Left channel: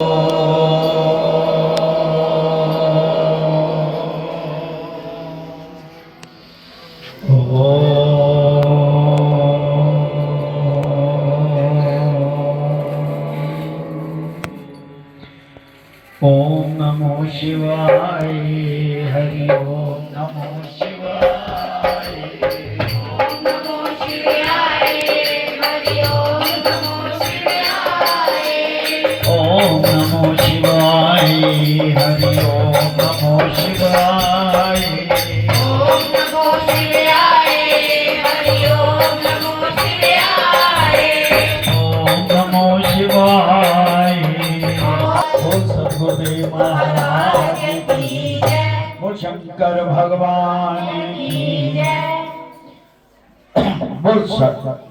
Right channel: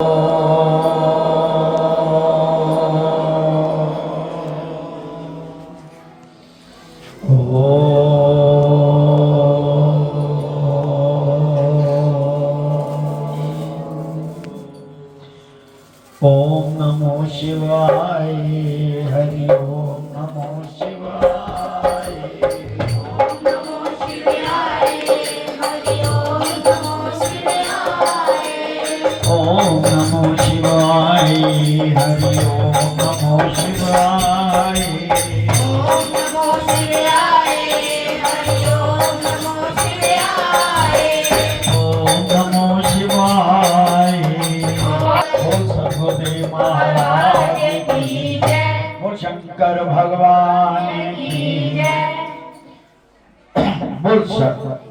ओम नमो शिवाय। हरि ओम नमो शिवाय। ओम नमो शिवाय। हरि ओम नमो शिवाय। ओम नमो शिवाय। हरि ओम नमो शिवाय। ओम नमो शिवाय। हरि ओम नमो शिवाय। ओम नमो शिवाय। बोल सद्गुरुदेव महाराज की जय। बोल शंकर भगवान की जय।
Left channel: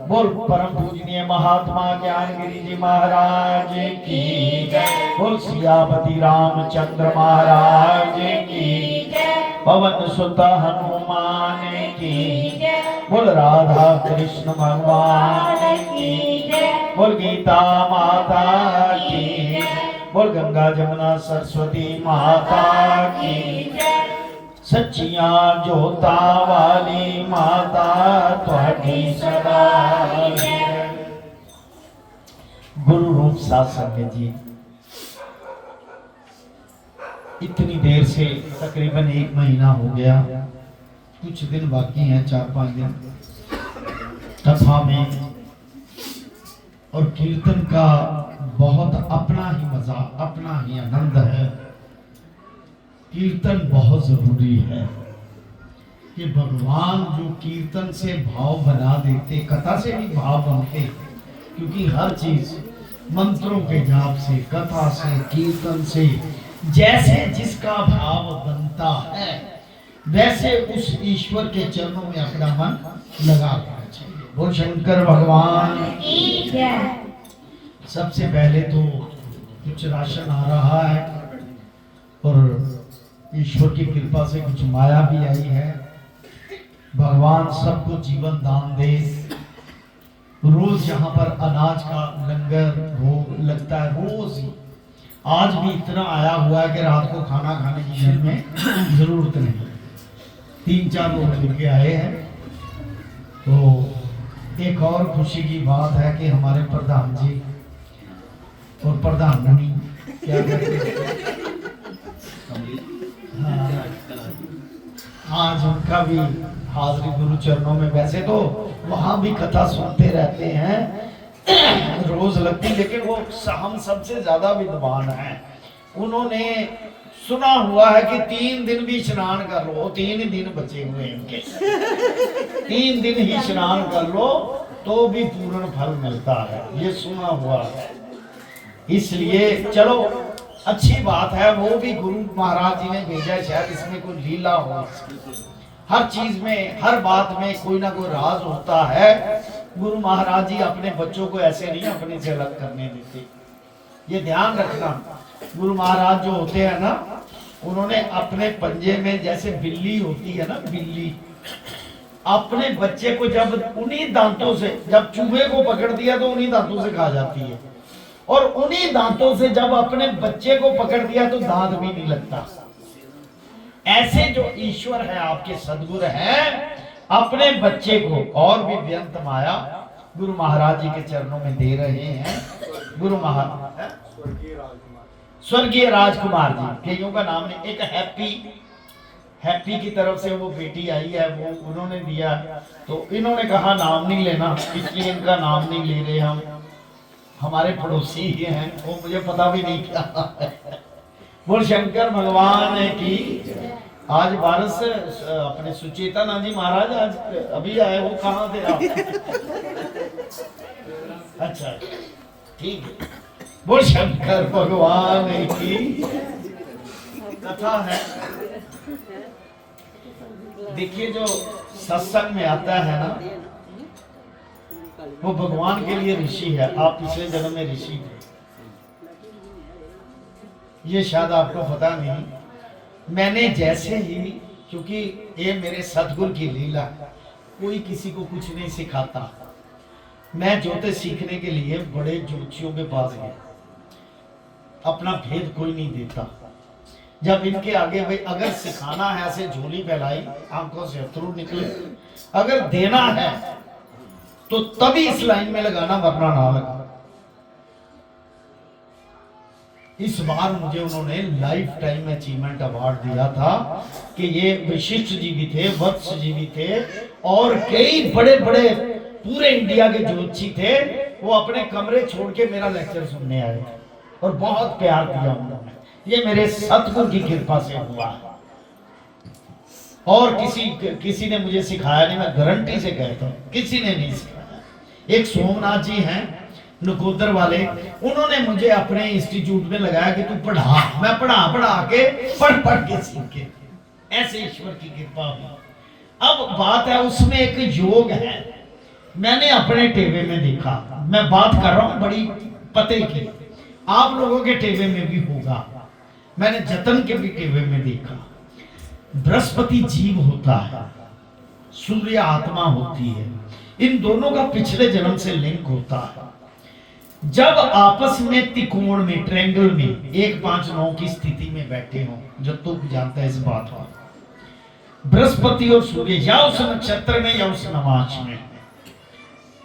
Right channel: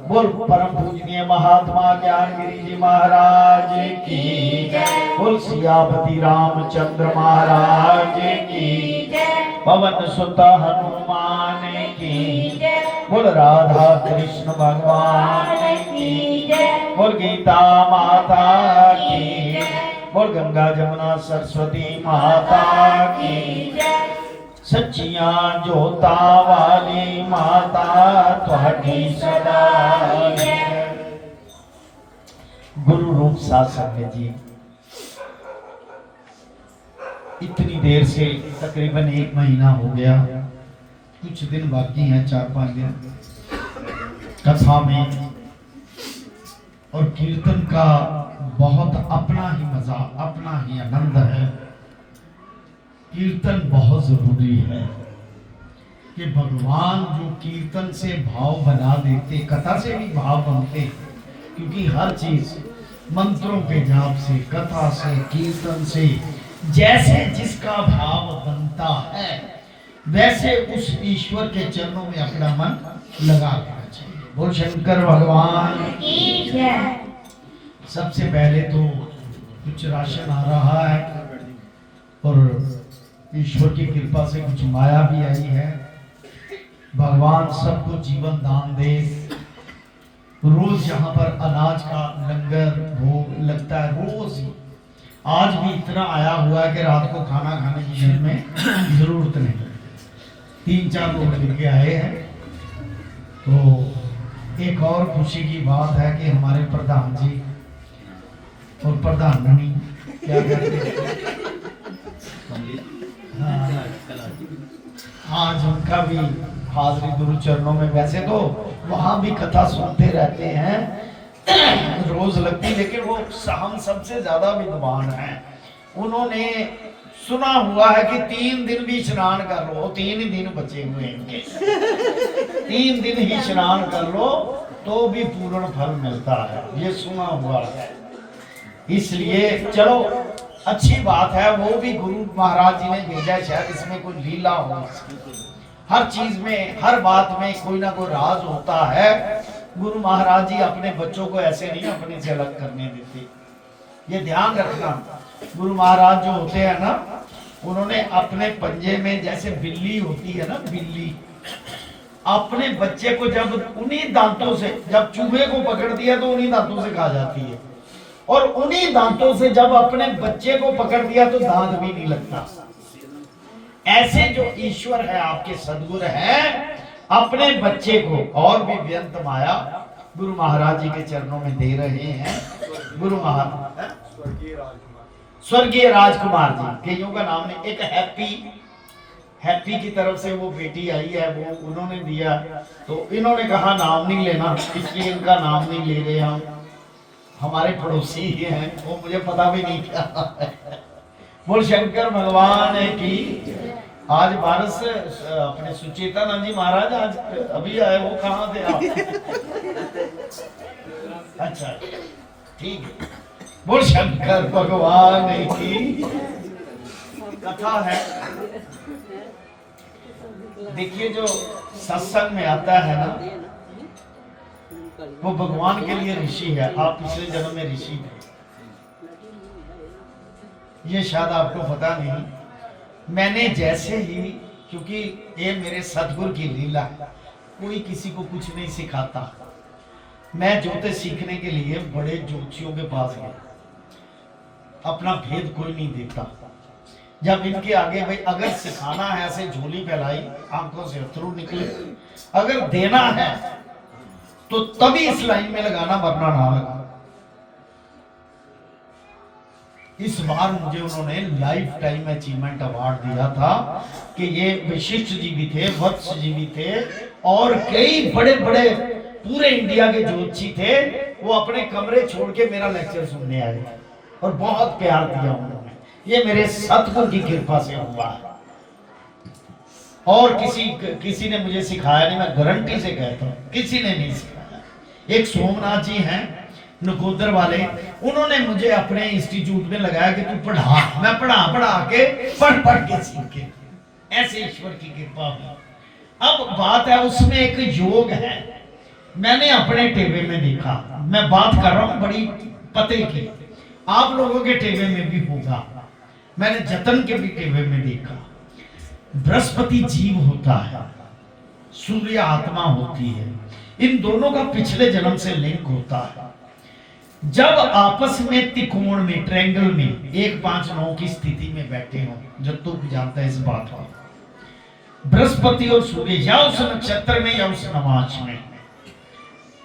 बोल परम पूजनीय महात्मा ज्ञानगिरी जी महाराज की जय। बोल सियापति रामचंद्र महाराज की जय। पवन सुत हनुमान की जय। बोल राधा कृष्ण भगवान की जय। बोल गीता माता की जय। बोल गंगा जमुना सरस्वती माता की जय। सच्चियां जोता वाली माता तुहाडी सदा जय। गुरु रूप साथ संगत जी, इतनी देर से तकरीबन 1 महीना हो गया, कुछ दिन बाकी हैं, 4-5 दिन कथा में और कीर्तन का बहुत अपना ही मजा, अपना ही आनंद है। कीर्तन बहुत जरूरी है कि भगवान जो कीर्तन से भाव बना देते, कथा से भी भाव बनते, क्योंकि हर चीज मंत्रों के जाप से, कथा से, कीर्तन से जैसे जिसका भाव बनता है वैसे उस ईश्वर के चरणों में अपना मन लगा देना चाहिए। बोल शंकर भगवान की जय। सबसे पहले तो कुछ राशन आ रहा है और ईश्वर की कृपा से कुछ माया भी आई है। भगवान सबको जीवन दान दे। रोज यहाँ पर अनाज का लंगर भोग लगता है, रोज। आज भी इतना आया हुआ है कि रात को खाना खाने की घर में जरूरत नहीं। 3-4 लोग मिलके आए हैं। तो एक और खुशी की बात है कि हमारे प्रधान जी और प्रधानमंत्री क्या कहते हैं, आज उनका भी हाजिरी गुरु चरणों में। वैसे तो वहां भी कथा सुनते रहते हैं, रोज लगती, लेकिन वो हम सबसे ज्यादा विद्वान हैं। उन्होंने सुना हुआ है कि 3 दिन भी स्नान कर लो, 3 ही दिन बचे हुए हैं इनके, 3 दिन ही स्नान कर लो तो भी पूर्ण फल मिलता है, ये सुना हुआ है। इसलिए चलो अच्छी बात है, वो भी गुरु महाराज जी ने भेजा, शायद इसमें कोई लीला हो। हर चीज में, हर बात में कोई ना कोई राज होता है। गुरु महाराज जी अपने बच्चों को ऐसे नहीं अपने से अलग करने देते, ये ध्यान रखना। गुरु महाराज जो होते हैं ना, उन्होंने अपने पंजे में जैसे बिल्ली होती है ना, बिल्ली अपने बच्चे को जब उन्हीं दांतों से, जब चूहे को पकड़ दिया तो उन्हीं दांतों से खा जाती है, और उन्हीं दांतों से जब अपने बच्चे को पकड़ दिया तो दांत भी नहीं लगता। ऐसे जो ईश्वर है, आपके सद्गुरु है, अपने बच्चे को और भी व्यंत माया गुरु महाराज जी के चरणों में दे रहे हैं। गुरु महाराज स्वर्गीय राजकुमार जी, कईयों का नाम है, एक हैप्पी की तरफ से वो बेटी आई है, वो उन्होंने दिया, तो इन्होंने कहा नाम नहीं लेना, इसलिए इनका नाम नहीं ले रहे हम। हमारे पड़ोसी ही हैं, वो मुझे पता भी नहीं क्या है। बोल शंकर भगवान की। आज बारिश अपने सुचेतानंद जी महाराज आज अभी आए, वो कहाँ थे आप? अच्छा ठीक है। बोल शंकर भगवान की। कथा है, देखिए जो सत्संग में आता है ना, वो भगवान के लिए ऋषि है। आप पिछले जन्म में ऋषि थे, ये शायद आपको पता नहीं। मैंने जैसे ही, क्योंकि ये मेरे सतगुरु की लीला, कोई किसी को कुछ नहीं सिखाता। मैं ज्योतिष सीखने के लिए बड़े ज्योतिषियों के पास गया, अपना भेद कोई नहीं देता। जब इनके आगे भाई अगर सिखाना है, ऐसे झोली फैलाई, आंखों से अथरू निकले, अगर देना है तो तभी इस लाइन में लगाना, वरना ना लगा। इस बार मुझे उन्होंने लाइफ टाइम अचीवमेंट अवार्ड दिया था कि ये विशिष्ट जी भी थे, वत्स जी भी थे, और कई बड़े बड़े पूरे इंडिया के ज्योतिषी थे। वो अपने कमरे छोड़ के मेरा लेक्चर सुनने आए और बहुत प्यार दिया उन्होंने। ये मेरे सतगुरु की कृपा से हुआ है, और किसी ने मुझे सिखाया नहीं, मैं गारंटी से कहता हूँ किसी ने नहीं सिखाया। एक सोमनाथ जी हैं नकोदर वाले, उन्होंने मुझे अपने इंस्टीट्यूट में लगाया कि तू पढ़ा। मैं पढ़ा के पढ़ के सीखे, ऐसे ईश्वर की कृपा हुई। अब बात है उसमें एक योग है, मैंने अपने टेबे में देखा। मैं बात कर रहा हूं बड़ी पते की, आप लोगों के टेबे में भी होगा। मैंने जतन के भी टेबे में देखा। बृहस्पति जीव होता है, सूर्य आत्मा होती है, इन दोनों का पिछले जन्म से लिंक होता है। जब आपस में त्रिकोण में, ट्रायंगल में 1 5 9 की स्थिति में बैठे हो, जब तो जानता है इस बात को, बृहस्पति और सूर्य या उस नक्षत्र में या उस नवांश में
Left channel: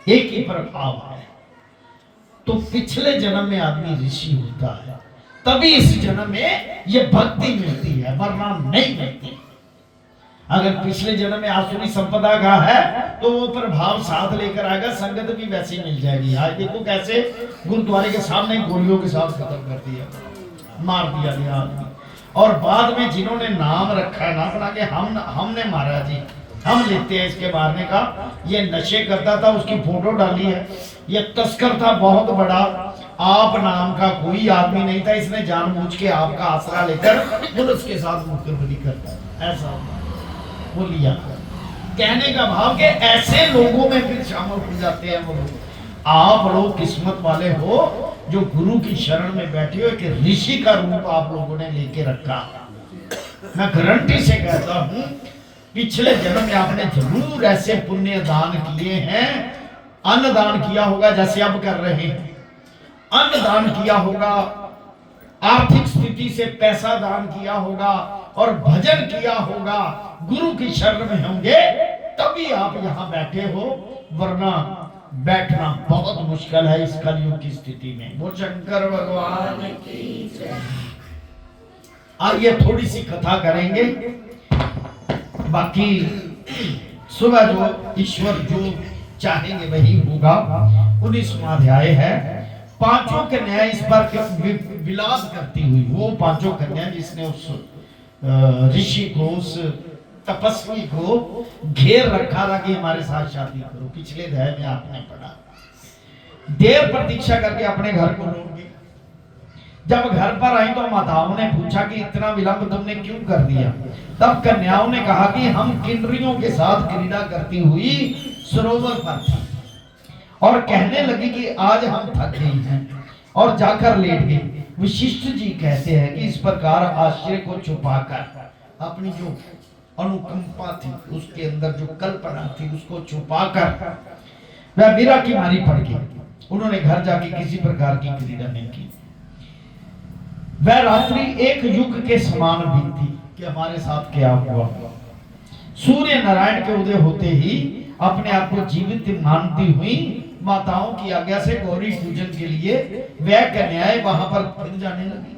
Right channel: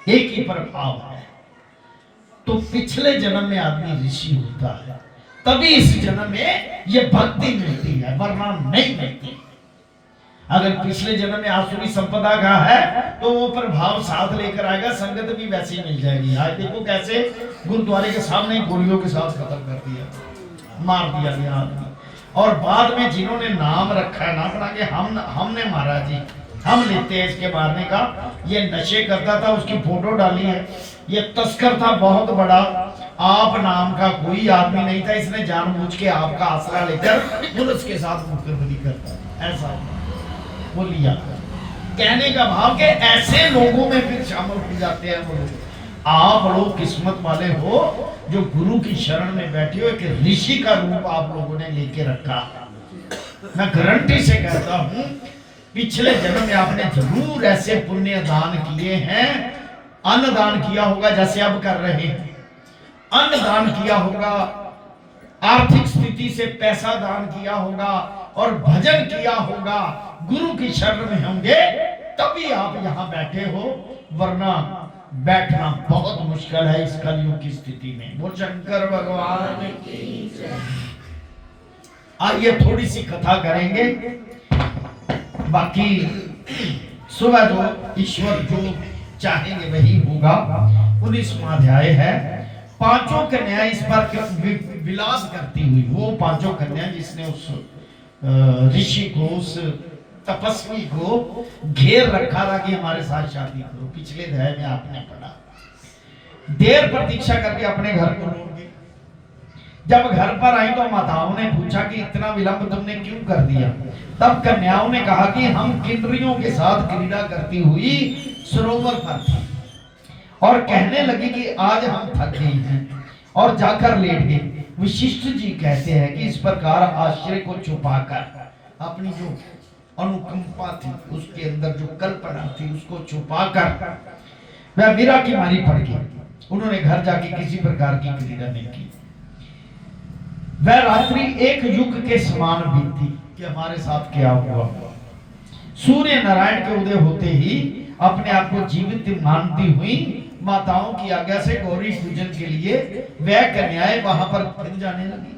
एक ही प्रभाव है, तो पिछले जन्म में आदमी ऋषि होता है, तभी इस जन्म में ये भक्ति मिलती है, वरना नहीं मिलती। अगर पिछले जन्म में आसुरी संपदा का है तो वो प्रभाव साथ लेकर आएगा, संगत भी वैसी मिल जाएगी। आज देखो कैसे गुरुद्वारे के सामने गोलियों के साथ खत्म कर दिया, मार दिया गया आदमी। और बाद में जिन्होंने नाम रखा है ना अपना के हमने मारा जी, हम लेते हैं इसके मारने का, ये नशे करता था, उसकी फोटो डाली है, ये तस्कर था बहुत बड़ा, आप नाम का कोई आदमी नहीं था, इसने जानबूझ के आपका आसरा लेकर पुलिस के साथ मुकदमा करता, ऐसा वो लिया। कहने का भाव के ऐसे लोगों में फिर शामिल हो जाते हैं वो लोग। आप लोग किस्मत वाले हो जो गुरु की शरण में बैठे हो, कि ऋषि का रूप आप लोगों ने लेके रखा। मैं गारंटी से कहता हूं पिछले जन्म में आपने जरूर ऐसे पुण्य दान किए हैं, अन्न दान किया होगा जैसे अब कर रहे हैं, अन्न दान किया होगा, आर्थिक स्थिति से पैसा दान किया होगा, और भजन किया होगा, गुरु की शरण में होंगे तभी आप यहाँ बैठे हो, वरना बैठना बहुत मुश्किल है इस कलयुग की स्थिति में। वो शंकर भगवान की जय। आइए थोड़ी सी कथा करेंगे, बाकी सुबह जो ईश्वर जो चाहेंगे वही होगा। 19वां अध्याय है। 5 कन्या इस पर विलास करती हुई, वो 5 कन्या जिसने उस ऋषि को, उस तपस्वी को घेर रखा था कि हमारे साथ शादी करो। पिछले अध्याय में आपने पढ़ा, देर प्रतीक्षा करके अपने घर को लौट गई। जब घर पर आई तो माताओं ने पूछा कि इतना विलंब तुमने क्यों कर दिया। तब कन्याओं ने कहा कि हम किन्नरियों के साथ क्रीड़ा करती हुई सरोवर पर थी और कहने लगी कि आज हम थक गई हैं और जाकर लेट गई। विशिष्ट जी कहते हैं कि इस प्रकार आश्चर्य को छुपाकर, अपनी जो अनुकंपा थी, उसके अंदर जो कल्पना थी, उसको छुपाकर वह वीरा की मारी पड़ गई। उन्होंने घर जाके किसी प्रकार की क्रीड़ा नहीं की। वह रात्रि एक युग के समान बीती कि हमारे साथ क्या हुआ। सूर्य नारायण के उदय होते ही अपने आप को जीवित मानती हुई माताओं की आज्ञा से गौरी पूजन के लिए वह कन्याएं वहां पर फिर जाने लगी।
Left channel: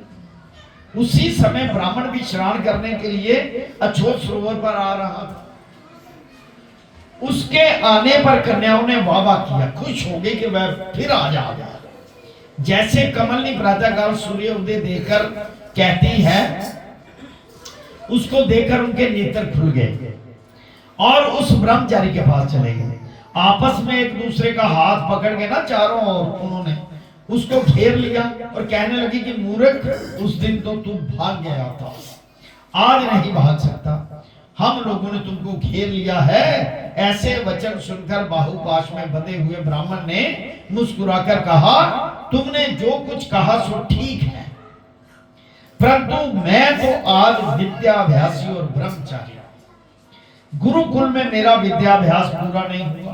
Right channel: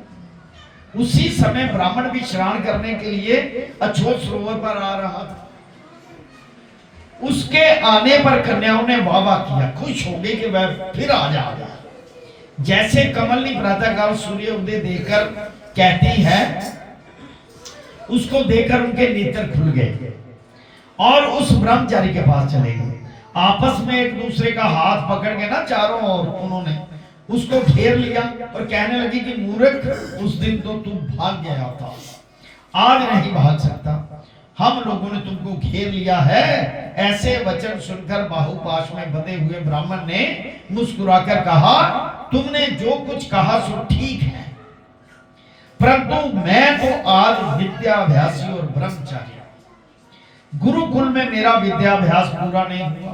उसी समय ब्राह्मण भी स्नान करने के लिए अछोत सरोवर पर आ रहा था। उसके आने पर कन्याओं ने वाह किया, खुश हो गई कि वह फिर आ जाएगा। जैसे कमलनी प्रातःकाल सूर्य उदय देखकर कहती है, उसको देखकर उनके नेत्र खुल गए और उस ब्रह्मचारी के पास चले गए। आपस में एक दूसरे का हाथ पकड़ के ना चारों ओर उन्होंने उसको घेर लिया और कहने लगी कि मूर्ख, उस दिन तो तू भाग गया था, आज नहीं भाग सकता। हम लोगों ने तुमको घेर लिया है। ऐसे वचन सुनकर बाहुपाश में बंधे हुए ब्राह्मण ने मुस्कुराकर कहा, तुमने जो कुछ कहा सो ठीक है, परंतु मैं तो आज विद्याभ्यासी और ब्रह्मचारी, गुरुकुल में मेरा विद्याभ्यास पूरा नहीं हुआ।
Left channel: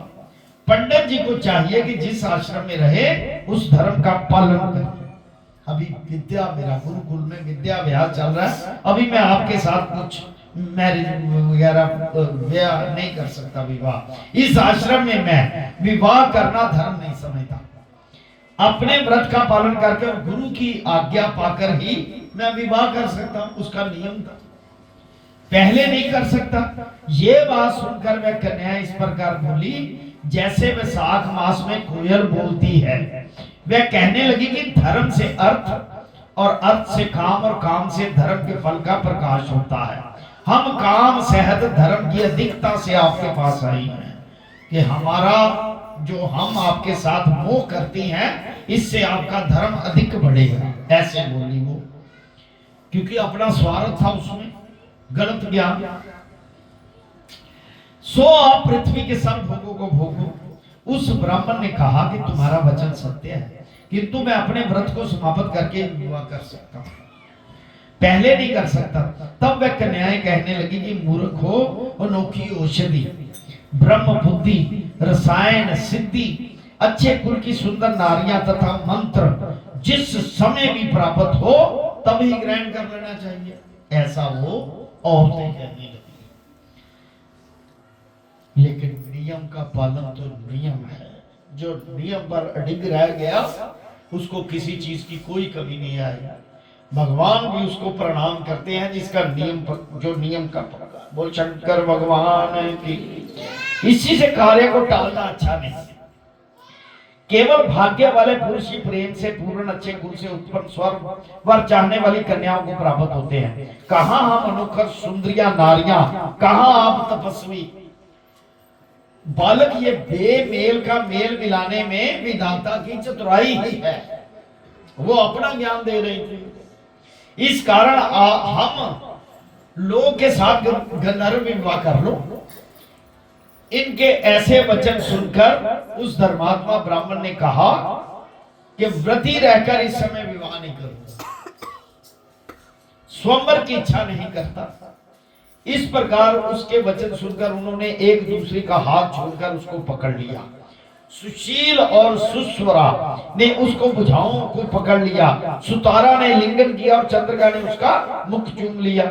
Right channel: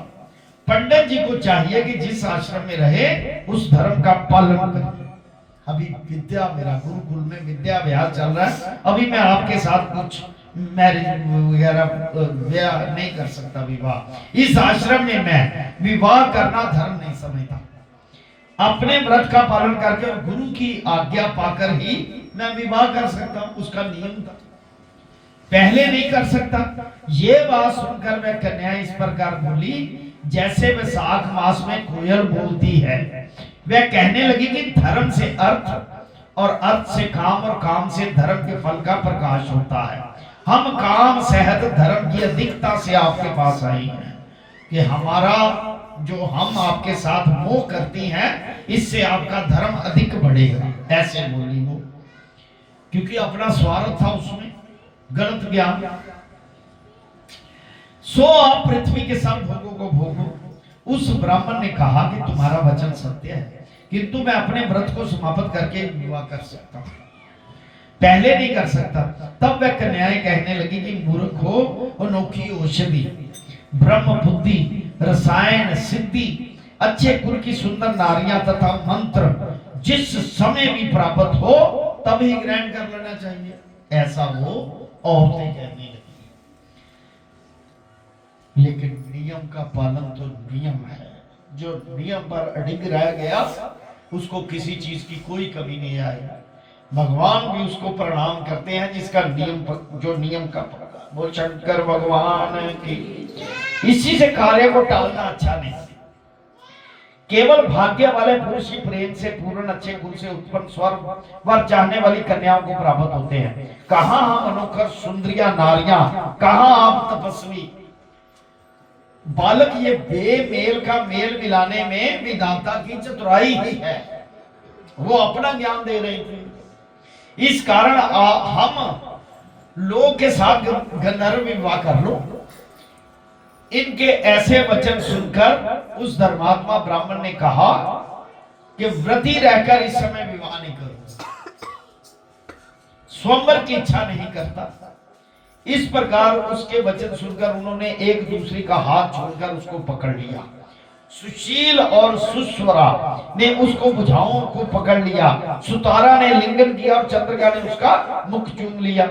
पंडित जी को चाहिए कि जिस आश्रम में रहे उस धर्म का पालन करे। अभी विद्या, मेरा गुरुकुल में विद्या विहार चल रहा है, अभी मैं आपके साथ कुछ मैरिज वगैरह ब्याह नहीं कर सकता, विवाह। इस आश्रम में मैं विवाह करना धर्म नहीं समझता। अपने व्रत का पालन करके और गुरु की आज्ञा पाकर ही मैं विवाह कर सकता हूं, उसका नियम था, पहले नहीं कर सकता। ये बात सुनकर वह कन्या इस प्रकार बोली जैसे वैशाख मास में कोयल बोलती है। वह कहने लगी कि धर्म से अर्थ और अर्थ से काम और काम से धर्म के फल का प्रकाश होता है। हम काम सहत धर्म की अधिकता से आपके पास आए हैं कि हमारा जो हम आपके साथ मोह करती हैं, इससे आपका धर्म अधिक बढ़ेगा। ऐसे बोली वो, क्योंकि अपना स्वार्थ था उसमें, गलत ज्ञान। सो आप पृथ्वी के सब भोगों को भोगो। उस ब्राह्मण ने कहा कि तुम्हारा वचन सत्य है, किंतु मैं अपने व्रत को समाप्त करके विवाह कर सकता हूं, पहले नहीं कर सकता। तब वह कन्याएं कहने लगी कि मूर्ख हो, अनोखी औषधि, ब्रह्म बुद्धि, रसायन सिद्धि, अच्छे कुल की सुंदर नारियां तथा मंत्र जिस समय भी प्राप्त हो तभी ग्रहण कर लेना चाहिए, ऐसा वो औरतें कहने लगी। लेकिन नियम का पालन तो नियम है, जो नियम पर अडिग रह गया उसको किसी चीज की कोई कमी नहीं आएगी। भगवान भी उसको प्रणाम करते हैं जिसका नियम जो नियम का पक्का। बोल शंकर भगवान की। इसी से कार्य को टालना अच्छा नहीं। केवल भाग्य वाले पुरुष ही प्रेम से पूर्ण अच्छे गुण से उत्पन्न स्वर्ग वर चाहने वाली कन्याओं को प्राप्त होते हैं। कहां हम अनोखर सुंदरिया नारियां, कहां आप तपस्वी बालक। ये बेमेल का मेल मिलाने में विधाता की चतुराई ही है, वो अपना ज्ञान दे रही थी। इस कारण हम लोग के साथ गंधर्व विवाह कर लो। इनके ऐसे वचन सुनकर उस धर्मात्मा ब्राह्मण ने कहा कि व्रती रहकर इस समय विवाह नहीं करूंगा, स्वयंवर की इच्छा नहीं करता। इस प्रकार उसके वचन सुनकर उन्होंने एक दूसरे का हाथ छोड़कर उसको पकड़ लिया। सुशील और सुस्वरा ने उसको भुजाओं को पकड़ लिया, सुतारा ने लिंगन किया और चंद्रिका ने उसका मुख चूम लिया।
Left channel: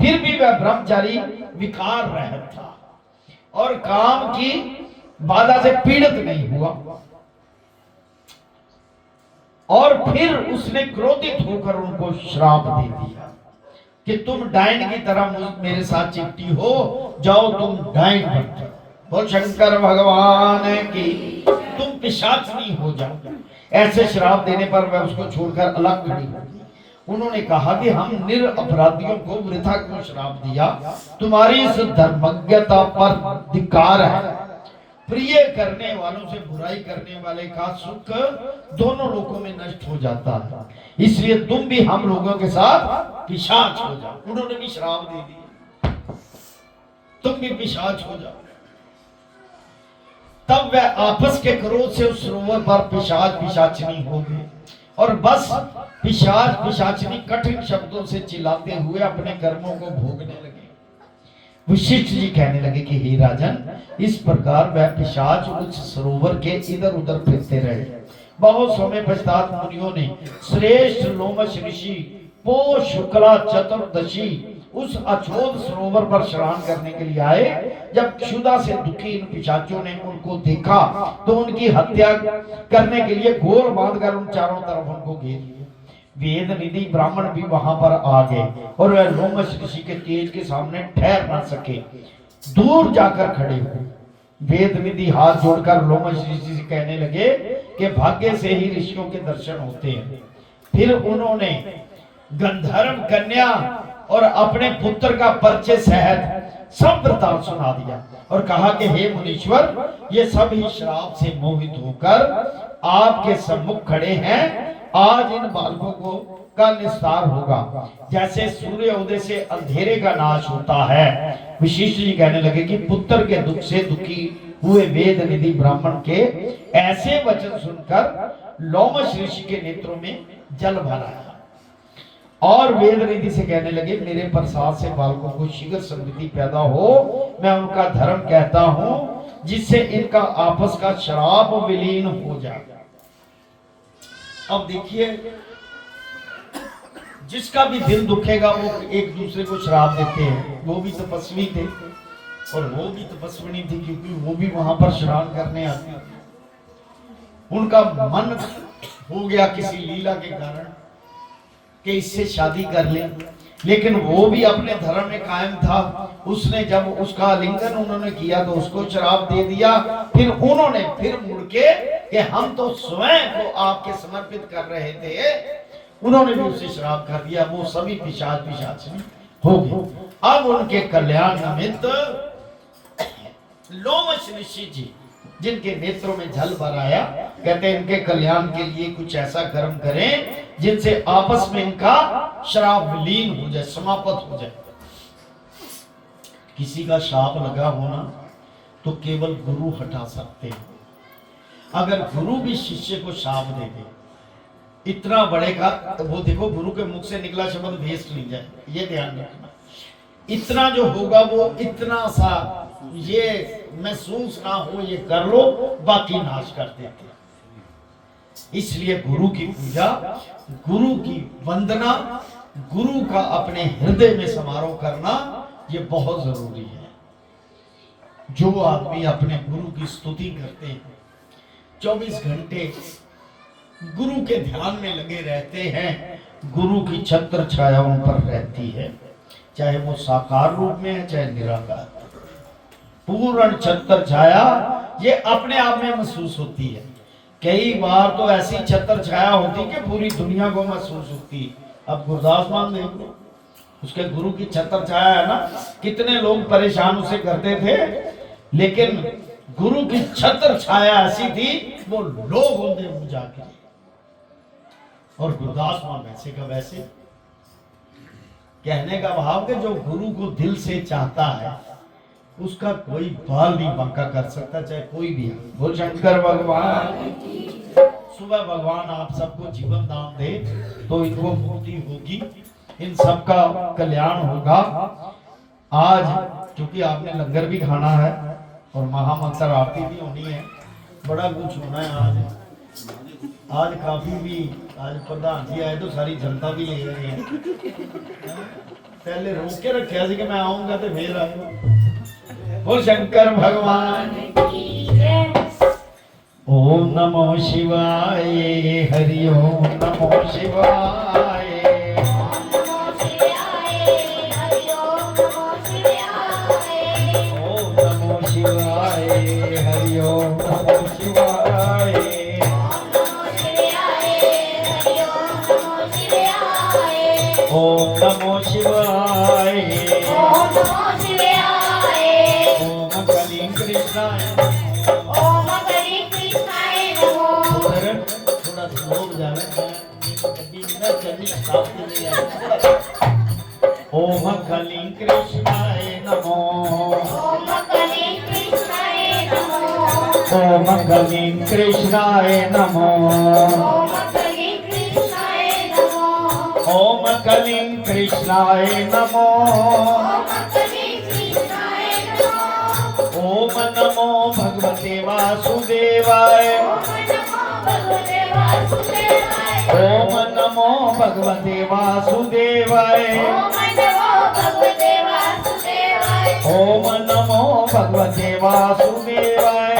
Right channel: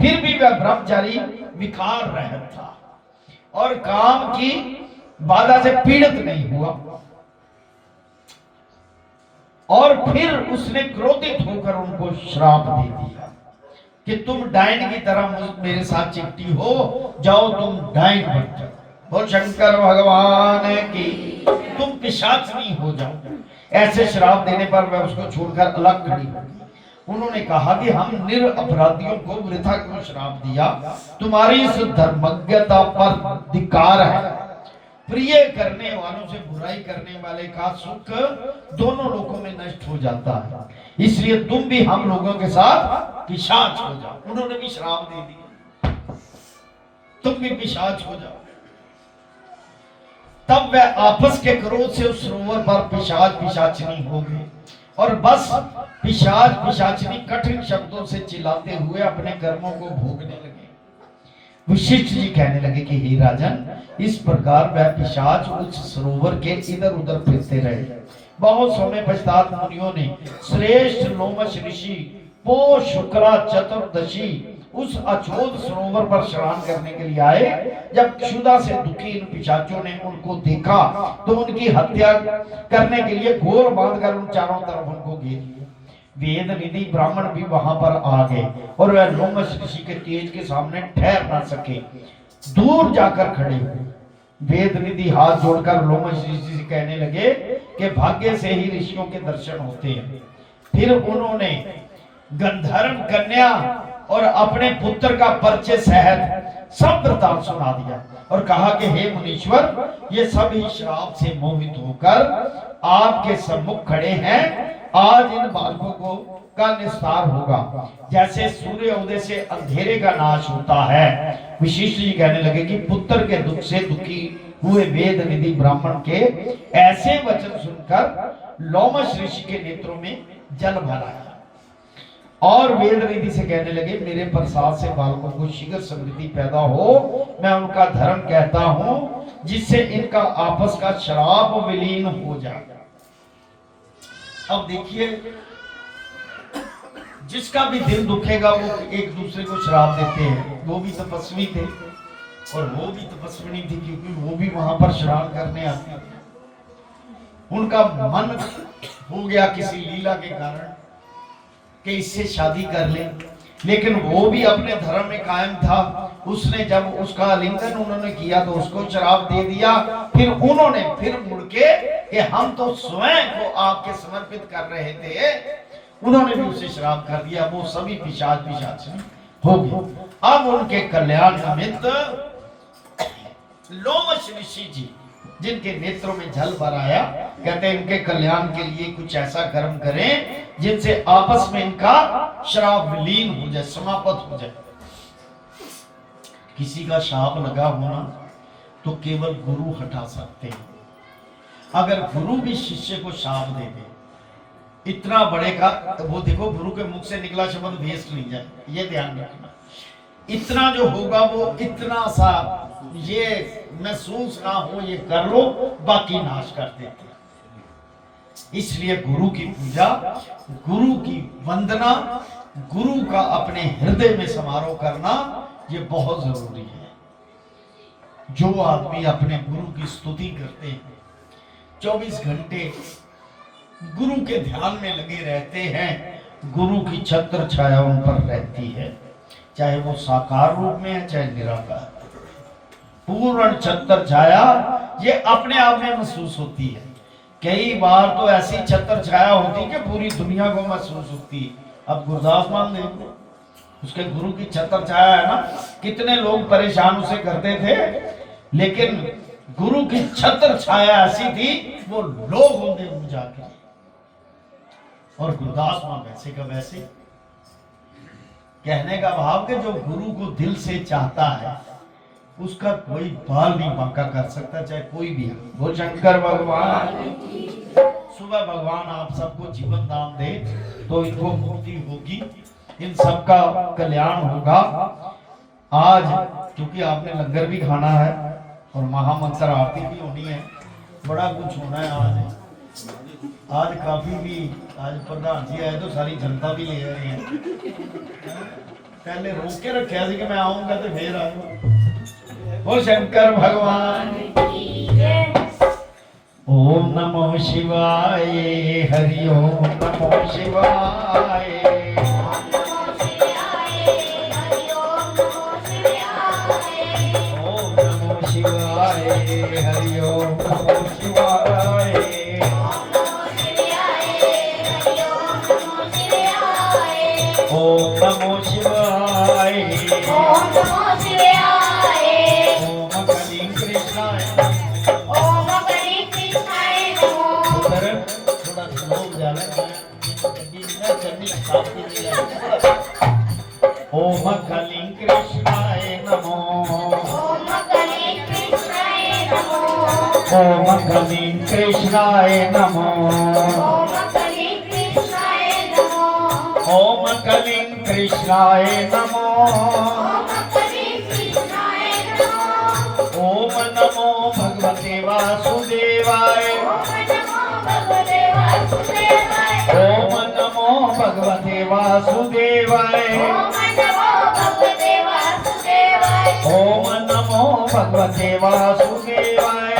फिर भी वह ब्रह्मचारी विकार रहित था और काम की बाधा से पीड़ित नहीं हुआ। और फिर उसने क्रोधित होकर उनको श्राप दे दिया कि तुम डायन की तरह मेरे साथ चिपटी हो, जाओ तुम डायन बन जाओ। बोल शंकर भगवान की। तुम पिशाचनी हो जाओ। ऐसे श्राप देने पर वह उसको छोड़कर अलग खड़ी हो गई। उन्होंने कहा कि हम निरपराधियों को वृथा क्यों श्राप दिया, तुम्हारी इस धर्मज्ञता पर धिक्कार है। प्रिय करने वालों से बुराई करने वाले का सुख दोनों लोगों में नष्ट हो जाता है, इसलिए तुम भी हम लोगों के साथ पिशाच हो जाओ। उन्होंने भी श्राप दे दिया, तुम भी पिशाच हो जाओ। तब वह आपस के क्रोध से उस सरोवर पर पिशाच पिशाचनी हो गए और बस पिशाच पिशाचनी कठिन शब्दों से चिल्लाते हुए अपने कर्मों को भोगने लगे। वशिष्ठ जी कहने लगे कि हे राजन, इस प्रकार वह पिशाच उस सरोवर के इधर उधर फिरते रहे। बहुत समय पश्चात मुनियों ने श्रेष्ठ लोमश ऋषि पौष शुक्ला चतुर्दशी उस अछोद सरोवर पर स्नान करने के लिए आए। जब क्षुधा से दुखी इन पिशाचों ने उनको देखा तो उनकी हत्या करने के लिए घोर बांधकर उन चारों तरफ उनको घेर लिया। वेद निधि ब्राह्मण भी वहां पर आ गए और वह लोमश ऋषि के तेज के सामने ठहर न सके, दूर जाकर खड़े हुए। वेद निधि हाथ जोड़कर लोमश ऋषि से कहने लगे कि भाग्य से ही ऋषियों के दर्शन होते हैं। फिर उन्होंने गंधर्व कन्या और अपने पुत्र का परिचय सहित सब वृतांत सुना दिया और कहा कि हे मुनीश्वर, ये सभी श्राप से मोहित होकर आपके सम्मुख खड़े हैं। आज इन बालकों को का निस्तार होगा, जैसे सूर्य उदय से अंधेरे का नाश होता है। विशिष्ट जी कहने लगे कि पुत्र के दुख से दुखी हुए वेद निधि ब्राह्मण के ऐसे वचन सुनकर लोमश ऋषि के नेत्रों में जल भरा और वेद निधि से कहने लगे, मेरे प्रसाद से बालकों को शीघ्र समृद्धि पैदा हो। मैं उनका धर्म कहता हूं जिससे इनका आपस का श्राप विलीन हो जाए। अब देखिए जिसका भी दिल दुखेगा वो एक दूसरे को श्राप देते हैं। वो भी तपस्वी थे और वो भी तपस्विनी थी, क्योंकि वो भी वहां पर स्नान करने आती थी। उनका मन हो गया किसी लीला के कारण कि इससे शादी कर ले, लेकिन वो भी अपने धर्म में कायम था। उसने जब उसका आलिंगन उन्होंने किया तो उसको श्राप दे दिया। फिर उन्होंने फिर मुड़ के कि हम तो स्वयं को आपके समर्पित कर रहे थे, उन्होंने भी उसे श्राप कर दिया। वो सभी पिशाचिनी हो गए। अब उनके कल्याण निमित्त लोमश ऋषि जी, जिनके नेत्रों में जल भर आया, कहते हैं इनके कल्याण के लिए कुछ ऐसा कर्म करें जिनसे आपस में इनका श्राप विलीन हो जाए, समाप्त हो जाए। किसी का शाप लगा होना तो केवल गुरु हटा सकते हैं। अगर गुरु भी शिष्य को शाप दे दे, इतना बड़े का, वो देखो गुरु के मुख से निकला शब्द भेस नहीं जाए, ये ध्यान रखना। इतना जो होगा वो इतना सा ये महसूस ना हो, ये कर लो, बाकी नाश कर देते। इसलिए गुरु की पूजा, गुरु की वंदना, गुरु का अपने हृदय में समारोह करना ये बहुत जरूरी है। जो आदमी अपने गुरु की स्तुति करते हैं, 24 घंटे गुरु के ध्यान में लगे रहते हैं, गुरु की छत्र छाया उन पर रहती है, चाहे वो साकार रूप में है चाहे निराकार। पूर्ण छत्र छाया ये अपने आप में महसूस होती है। कई बार तो ऐसी छत्र छाया होती कि पूरी दुनिया को महसूस होती है। अब गुरदास मान देख लो, उसके गुरु की छत्र छाया है ना, कितने लोग परेशान उसे करते थे, लेकिन गुरु की छत्र छाया ऐसी थी वो लोग होते बुझा के। और गुरदास मान वैसे का वैसे, कहने का भाव कि जो गुरु को दिल से चाहता है उसका कोई बाल नहीं बांका कर सकता, चाहे कोई भी हो। बोल शंकर भगवान। सुबह भगवान आप सबको जीवन दान दे तो इनको मुक्ति होगी, इन सबका कल्याण होगा। आज क्योंकि आपने लंगर भी खाना है और महामंत्र आरती भी होनी है, बड़ा कुछ होना है आज काफी भी, आज प्रधान जी आए तो सारी जनता भी ले रहे हैं। पहले रोक के रखा कि मैं आऊंगा तो फिर आऊंगा। ओ शंकर भगवान। ओम नमो शिवाय, हरि ओम नमो शिवाय। ओम नमो शिवाय, हरि ओम नमो शिवाय। ओम नमो शिवाय। ओम कलिंग कृष्णाय। थोड़ा स्लो जाना। ओम कलिंग कृष्णाय नमो। ओम कलिंग कृष्णाय नमो। ओम कलिंग कृष्णाय नमो। ओम नमो भगवते वासुदेवाय। ओम नमो भगवते वासुदेवाय। ओम नमो भगवते वासुदेवाय।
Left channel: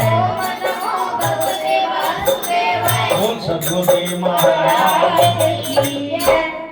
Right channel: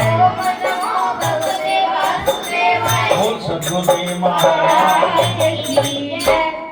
बोल सद्गुरुदेव महाराज की।